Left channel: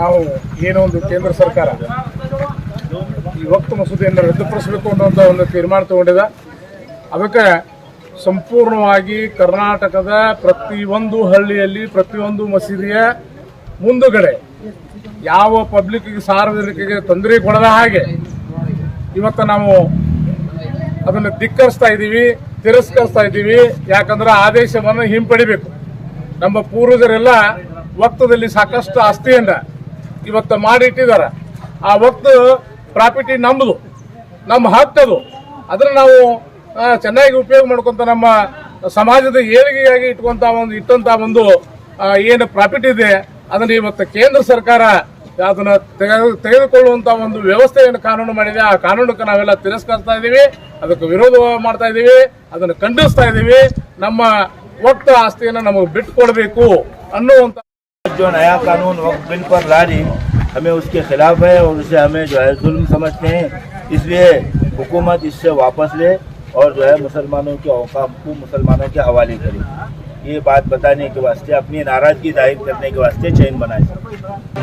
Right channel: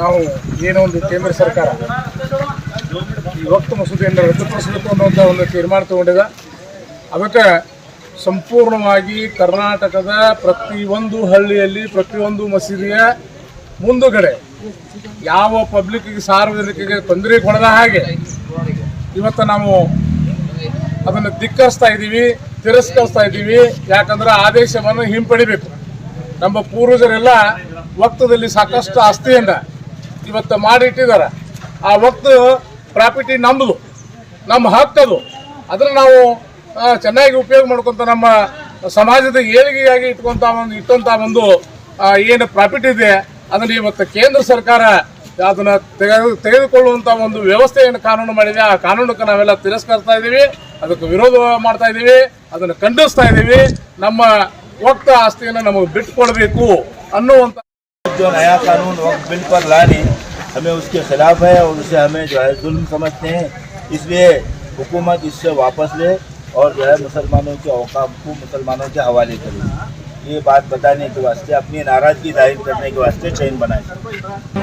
ನಾವು ಏನೋ ಒಂದು ಕೇಂದ್ರ ಸರ್ಕಾರ ಈ ವಕ್ಫ್ ಮಸೂದೆಯನ್ನು ರದ್ದುಪಡಿಸಬೇಕು ಅನ್ನುವಂಥ ಒಂದು ತೀರ್ಮಾನ ತಗೊಂಡಿದೆ. ಅದಕ್ಕೆ ಸಂಪೂರ್ಣವಾಗಿ ಕರ್ನಾಟಕದ ಪ್ರತಿಯೊಂದು ಹಳ್ಳಿಯಲ್ಲಿ ಪ್ರತಿಯೊಂದು ಮಸೀದಿಯ ಮುಂದುಗಡೆ ಯಾವ ಪಬ್ಲಿಕ್ಕಿಗೆ ಸಾರ್ವಜನಿಕರಿಗೆ ತೊಂದರೆ ಕೊಡದ ಹಾಗೆ ಇವತ್ತು ನಾವು ಅದನ್ನು ಧಿಕ್ಕರಿಸ್ತಾ ಇದ್ದೀವಿ, ತಿರಸ್ಕರಿಸ್ತಾ ಇದ್ದೀವಿ. ಯಾಕಂದ್ರೆ ಆದೇಶವನ್ನು ಹಿಂಪಡಿಬೇಕು. ನಮ್ಮ ಪೂರ್ವಜರೆಲ್ಲ ವಕ್ತದಲ್ಲಿ ಸಾಕಷ್ಟು ಆಸ್ತಿಯನ್ನು ಇವತ್ತು ಮಾಡಿಟ್ಟಿದ್ದಾರೆ. ಆ ವಕ್ತ ಪ್ರಾಪರ್ಟಿ ನಮ್ಮದು, ನಮ್ಮ ಹಕ್ಕದು. ಅದನ್ನು ನಾವು ಚೆನ್ನಾಗಿ ಉಪಯೋಗ ಮಾಡ್ಕೊತ ನಮ್ಮ ಸಮಾಜದ ಏಳಿಗೆಯಾಗಿ ಇಟ್ಟಂಥ ಒಂದು ಏನು ಪ್ರಾಫಿಟ್ ಇದೆ ಅದನ್ನು ಇವತ್ತು ಕೇಂದ್ರ ಸರ್ಕಾರ ಅದನ್ನು ತೆಗೆದುಕೊಳ್ಳುವಂಥ ಒಂದು ವ್ಯವಸ್ಥೆಯನ್ನು ಕಾನೂನು ಮಾಡಿದೆ. ಆ ಕಾನೂನಕ್ಕೆ ನಾವೆಲ್ಲ ತಿರಸ್ಕರಿಸ್ತಾ ಇದ್ದೀವಿ, ಅದಕ್ಕೆ ವಿರೋಧ ಮಾಡ್ತಾ ಇದ್ದೀವಿ, ಅದನ್ನು ಖಂಡಿಸ್ತಾ ಇದ್ದೀವಿ. ನಮ್ಮ ವಕ್ತ ಆಸ್ತಿಯನ್ನು ನಮಗೆ ಬಿಟ್ಟುಕೊಡಬೇಕು ಅನ್ನುವಂಥ जो नया कानून वक्फ बिल पर ला रही हमें उसके खिलाफ है और उसे हमें जो है जुल्म समझते हैं। इसलिए हुकूमत इससे वापस ले और जो है मुसलमानों के औकाफ को मुसलमानों के हवाले करे। ये बात बताने के वास्ते, अपनी नाराज़गी जाहिर करने के वास्ते चैन बनाए।